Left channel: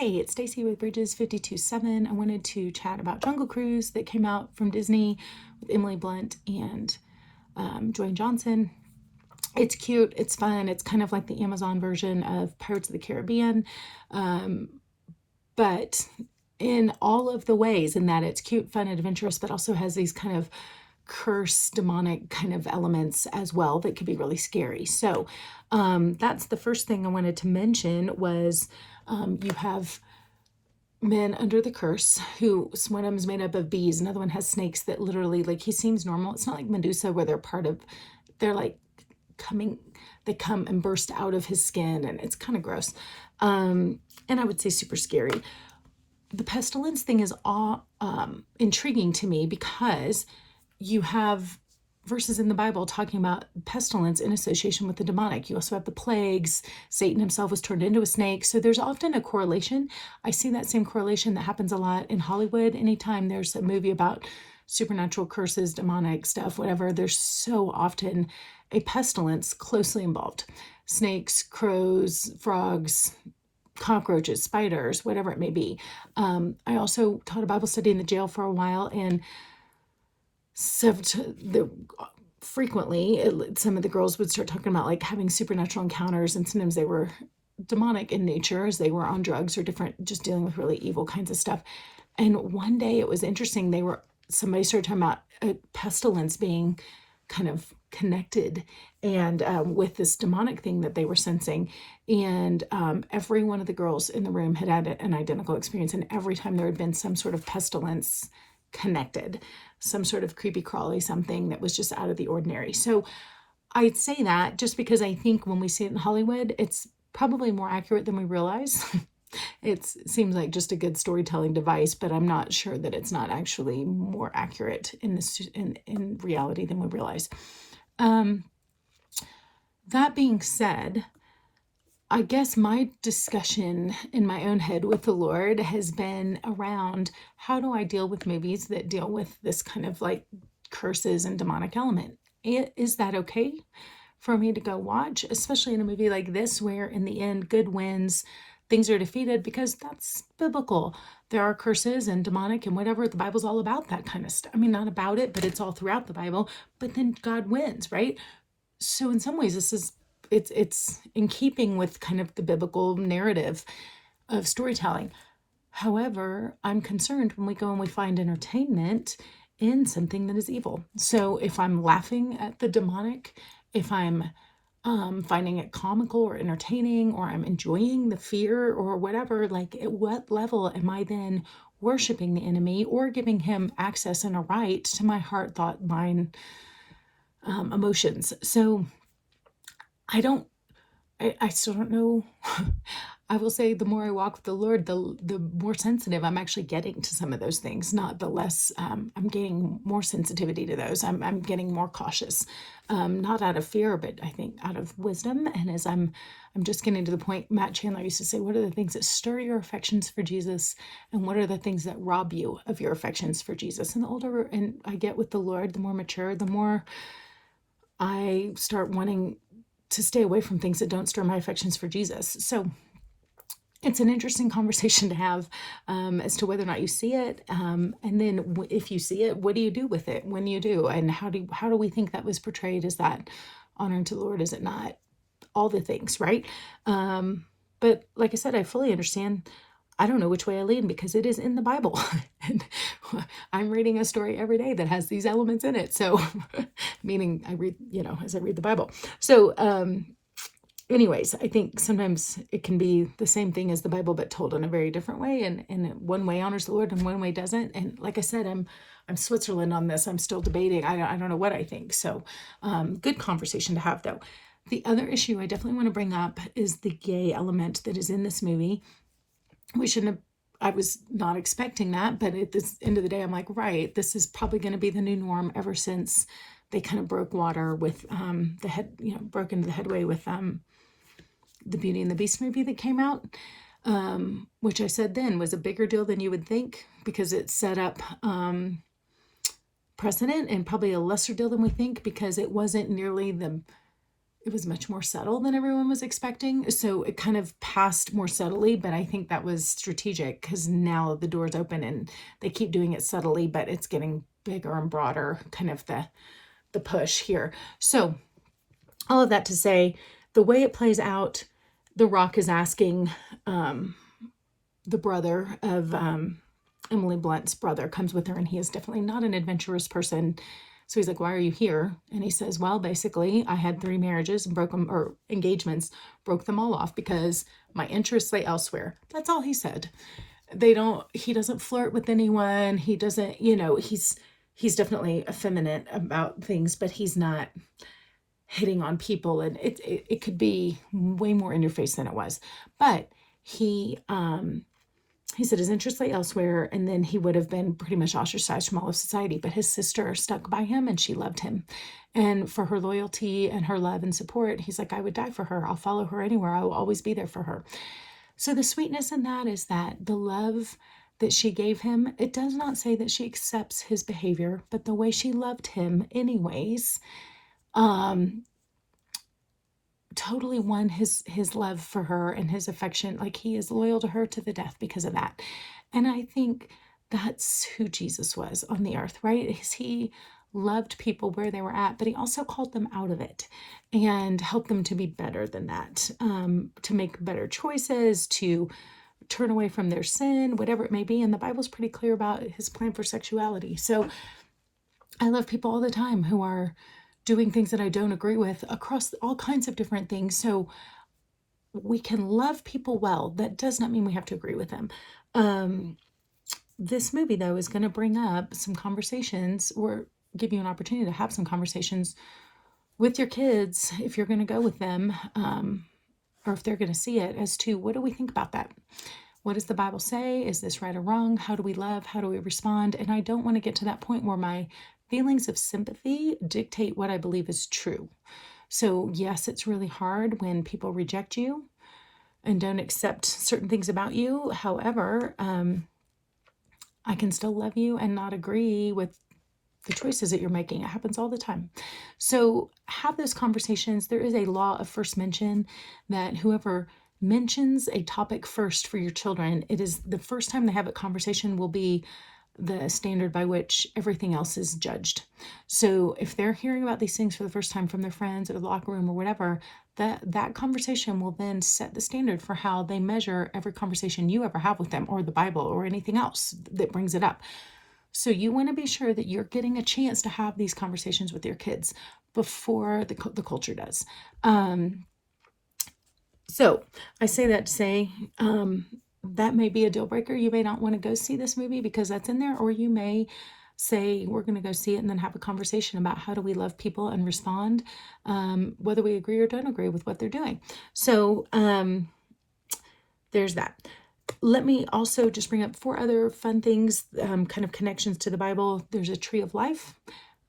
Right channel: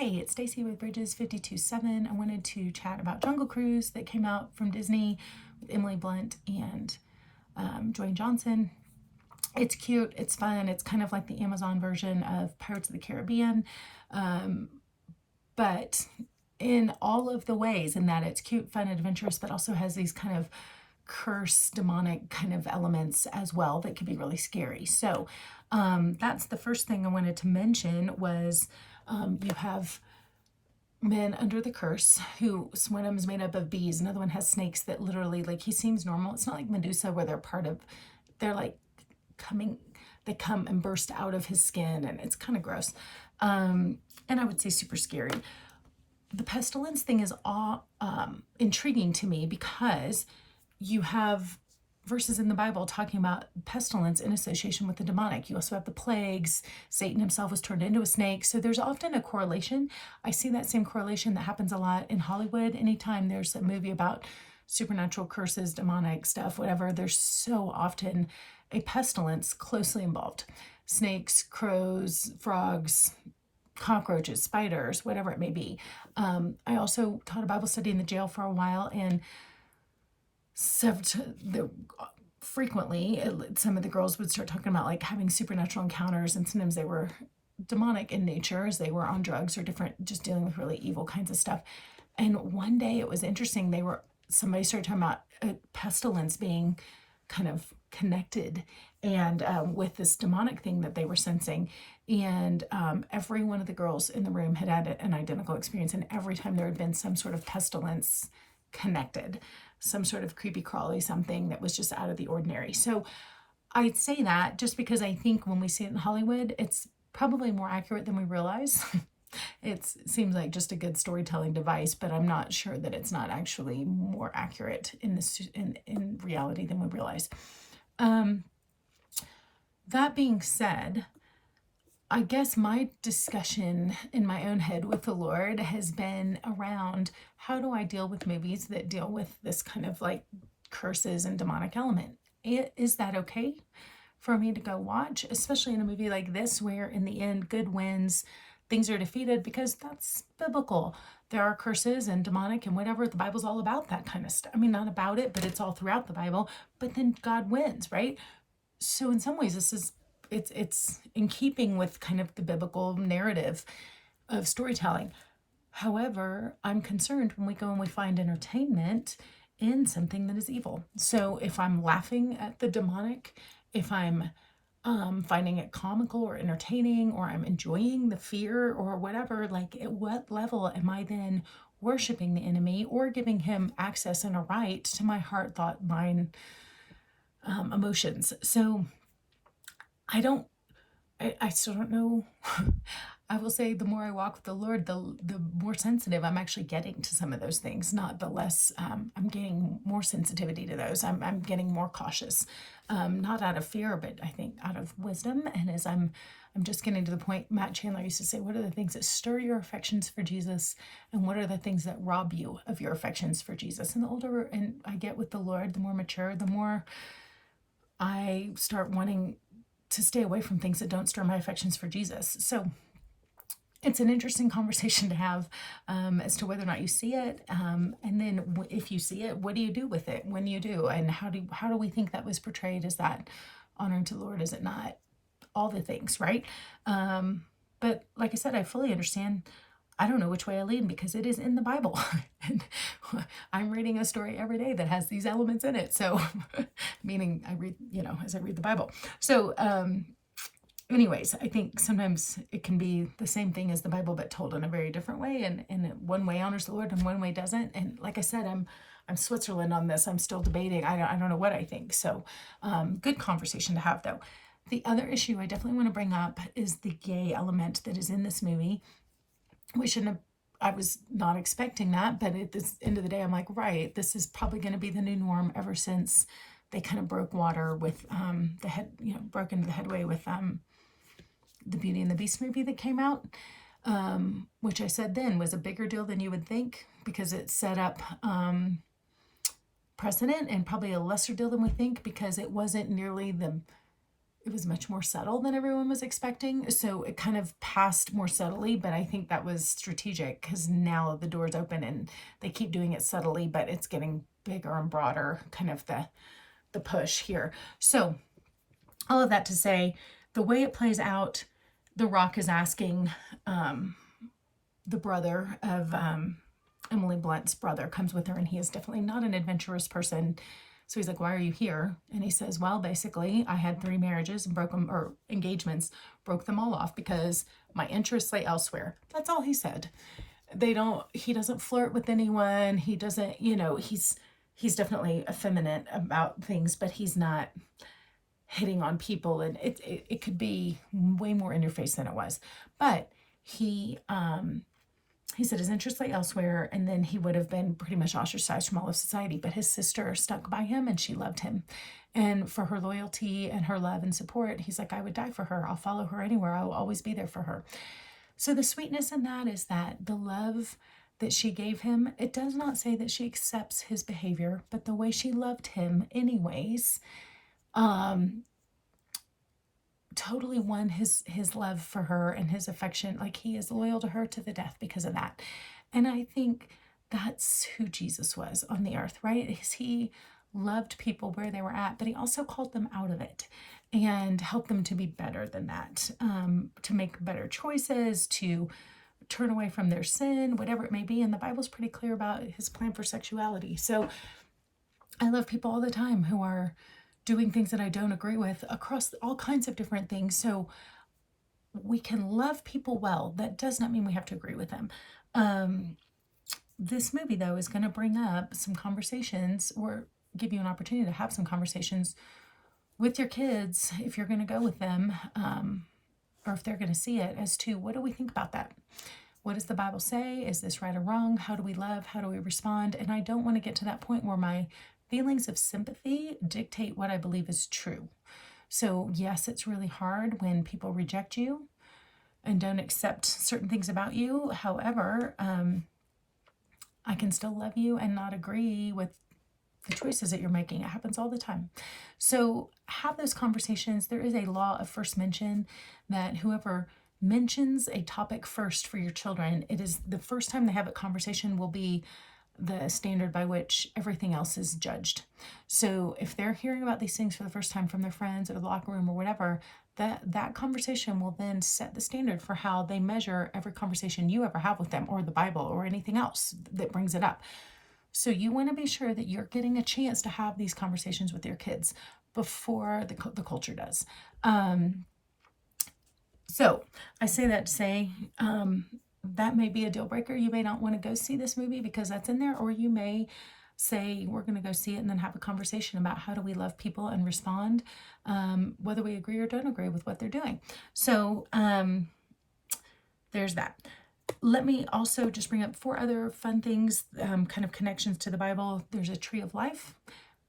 Hey, it's Stacey with Bridges 52.7. I wanted to chat about Jungle Cruise that came out from Disney with Emily Blunt and Dwayne Johnson. It's cute, it's fun, it's kind of like the Amazon version of Pirates of the Caribbean, but in all of the ways, in that it's cute, fun, adventurous, but also has these kind of curse, demonic kind of elements as well that could be really scary. So that's the first thing I wanted to mention was you have men under the curse who, one of them is made up of bees, another one has snakes that literally, like, he seems normal. It's not like Medusa where they're like they come and burst out of his skin, and it's kind of gross. And I would say super scary. The pestilence thing is all intriguing to me because you have verses in the Bible talking about pestilence in association with the demonic. You also have the plagues. Satan himself was turned into a snake. So there's often a correlation. I see that same correlation that happens a lot in Hollywood. Anytime there's a movie about supernatural curses, demonic stuff, whatever, there's so often a pestilence closely involved. Snakes, crows, frogs, cockroaches, spiders, whatever it may be. I also taught a Bible study in the jail for a while, and frequently some of the girls would start talking about like having supernatural encounters, and sometimes they were demonic in nature as they were on drugs or different, just dealing with really evil kinds of stuff. And one day it was interesting, somebody started talking about a pestilence being kind of connected and with this demonic thing that they were sensing. And every one of the girls in the room had an identical experience, and every time there had been some sort of pestilence connected, some sort of creepy crawly something that was just out of the ordinary. So I'd say that just because I think when we see it in Hollywood, it's probably more accurate than we realize. It seems like just a good storytelling device, but I'm not sure that it's not actually more accurate in reality than we realize. That being said, I guess my discussion in my own head with the Lord has been around how do I deal with movies that deal with this kind of like curses and demonic element? Is that okay for me to go watch, especially in a movie like this where in the end good wins, things are defeated, because that's biblical. There are curses and demonic and whatever. The Bible's all about that kind of stuff. I mean, not about it, but it's all throughout the Bible. But then God wins, right? So in some ways, it's in keeping with kind of the biblical narrative of storytelling. However, I'm concerned when we go and we find entertainment in something that is evil. So if I'm laughing at the demonic, if I'm finding it comical or entertaining, or I'm enjoying the fear or whatever, like at what level am I then worshiping the enemy or giving him access and a right to my heart, thought, mind, emotions? So I still don't know. I will say the more I walk with the Lord, the more sensitive I'm actually getting to some of those things, not the less. I'm getting more sensitivity to those. I'm getting more cautious, not out of fear, but I think out of wisdom. And as I'm just getting to the point, Matt Chandler used to say, what are the things that stir your affections for Jesus? And what are the things that rob you of your affections for Jesus? And the older I get with the Lord, the more mature, the more I start wanting to stay away from things that don't stir my affections for Jesus. So it's an interesting conversation to have as to whether or not you see it. And then if you see it, what do you do with it when you do? And how do we think that was portrayed? Is that honoring to the Lord? Is it not? All the things, right? But like I said, I fully understand. I don't know which way I lean because it is in the Bible. And I'm reading a story every day that has these elements in it. So, meaning I read, as I read the Bible. So, anyways, I think sometimes it can be the same thing as the Bible, but told in a very different way. And one way honors the Lord and one way doesn't. And like I said, I'm Switzerland on this. I'm still debating. I don't know what I think. So, good conversation to have though. The other issue I definitely want to bring up is the gay element that is in this movie. I was not expecting that, but at the end of the day, I'm like, right, this is probably going to be the new norm ever since they kind of broke water with broke into the headway with the Beauty and the Beast movie that came out, which I said then was a bigger deal than you would think because it set up precedent, and probably a lesser deal than we think because it wasn't nearly the it was much more subtle than everyone was expecting. So it kind of passed more subtly, but I think that was strategic because now the door's open and they keep doing it subtly, but it's getting bigger and broader, kind of the push here. So all of that to say, the way it plays out, The Rock is asking the brother of Emily Blunt's brother comes with her, and he is definitely not an adventurous person. So he's like, why are you here? And he says, well, basically, I had 3 marriages and broke them, or engagements, broke them all off because my interests lay elsewhere. That's all he said. He doesn't flirt with anyone. He doesn't, he's definitely effeminate about things, but he's not hitting on people. And it could be way more in your face than it was. But he said his interests lay elsewhere, and then he would have been pretty much ostracized from all of society. But his sister stuck by him, and she loved him. And for her loyalty and her love and support, he's like, I would die for her. I'll follow her anywhere. I will always be there for her. So the sweetness in that is that the love that she gave him, it does not say that she accepts his behavior, but the way she loved him anyways, totally won his love for her and his affection. Like, he is loyal to her to the death because of that. And I think that's who Jesus was on the earth, right? He loved people where they were at, but he also called them out of it and helped them to be better than that, to make better choices, to turn away from their sin, whatever it may be. And the Bible's pretty clear about his plan for sexuality. So I love people all the time who are doing things that I don't agree with across all kinds of different things. So we can love people well. That does not mean we have to agree with them. This movie, though, is going to bring up some conversations, or give you an opportunity to have some conversations with your kids if you're going to go with them, or if they're going to see it, as to what do we think about that? What does the Bible say? Is this right or wrong? How do we love? How do we respond? And I don't want to get to that point where my feelings of sympathy dictate what I believe is true. So yes, it's really hard when people reject you and don't accept certain things about you. However, I can still love you and not agree with the choices that you're making. It happens all the time. So have those conversations. There is a law of first mention, that whoever mentions a topic first for your children, it is the first time they have a conversation will be the standard by which everything else is judged. So if they're hearing about these things for the first time from their friends or the locker room or whatever, that conversation will then set the standard for how they measure every conversation you ever have with them, or the Bible, or anything else that brings it up. So you want to be sure that you're getting a chance to have these conversations with your kids before the culture does. So I say that to say, that may be a deal breaker. You may not want to go see this movie because that's in there, or you may say, we're going to go see it and then have a conversation about how do we love people and respond, whether we agree or don't agree with what they're doing. So there's that. Let me also just bring up 4 other fun things, kind of connections to the Bible. There's a tree of life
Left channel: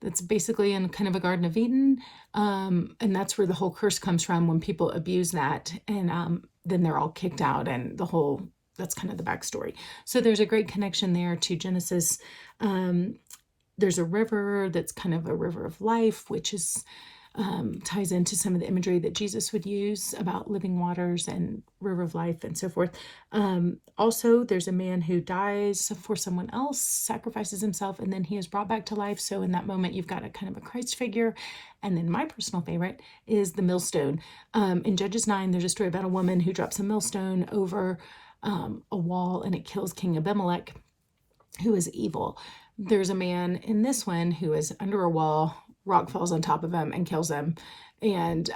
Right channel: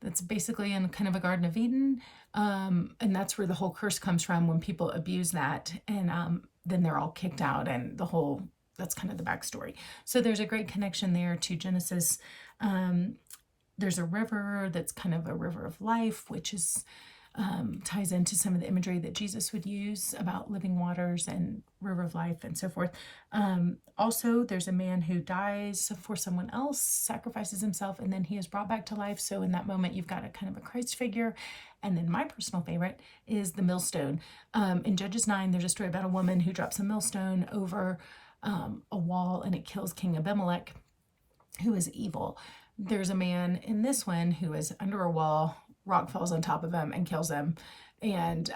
that's basically in kind of a Garden of Eden. And that's where the whole curse comes from, when people abuse that, and then they're all kicked out, and that's kind of the backstory. So there's a great connection there to Genesis. There's a river that's kind of a river of life, which is ties into some of the imagery that Jesus would use about living waters and river of life and so forth. Also, there's a man who dies for someone else, sacrifices himself, and then he is brought back to life. So in that moment, you've got a kind of a Christ figure. And then my personal favorite is the millstone. In Judges 9, there's a story about a woman who drops a millstone over a wall, and it kills King Abimelech, who is evil. There's a man in this one who is under a wall, rock falls on top of him and kills him, and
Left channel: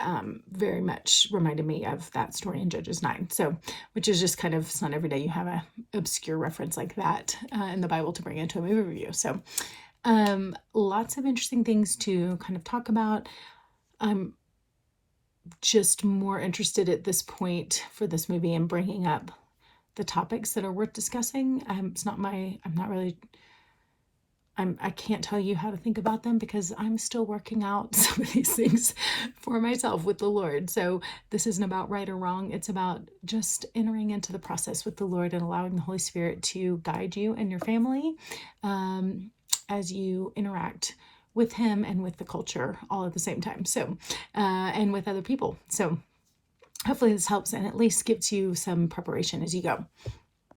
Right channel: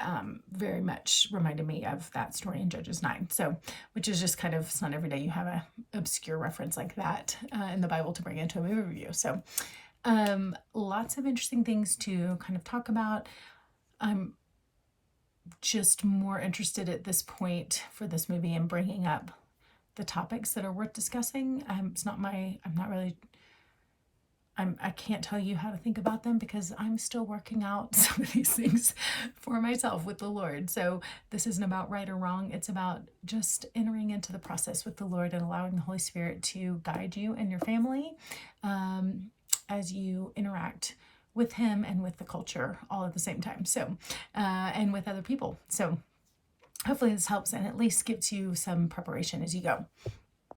very much reminded me of that story in Judges 9. So, which is just kind of, it's not every day you have a obscure reference like that in the Bible to bring into a movie review. So lots of interesting things to kind of talk about. I'm just more interested at this point for this movie in bringing up the topics that are worth discussing. I can't tell you how to think about them because I'm still working out some of these things for myself with the Lord. So this isn't about right or wrong. It's about just entering into the process with the Lord and allowing the Holy Spirit to guide you and your family as you interact with him and with the culture all at the same time. So, and with other people. So hopefully this helps and at least gives you some preparation as you go.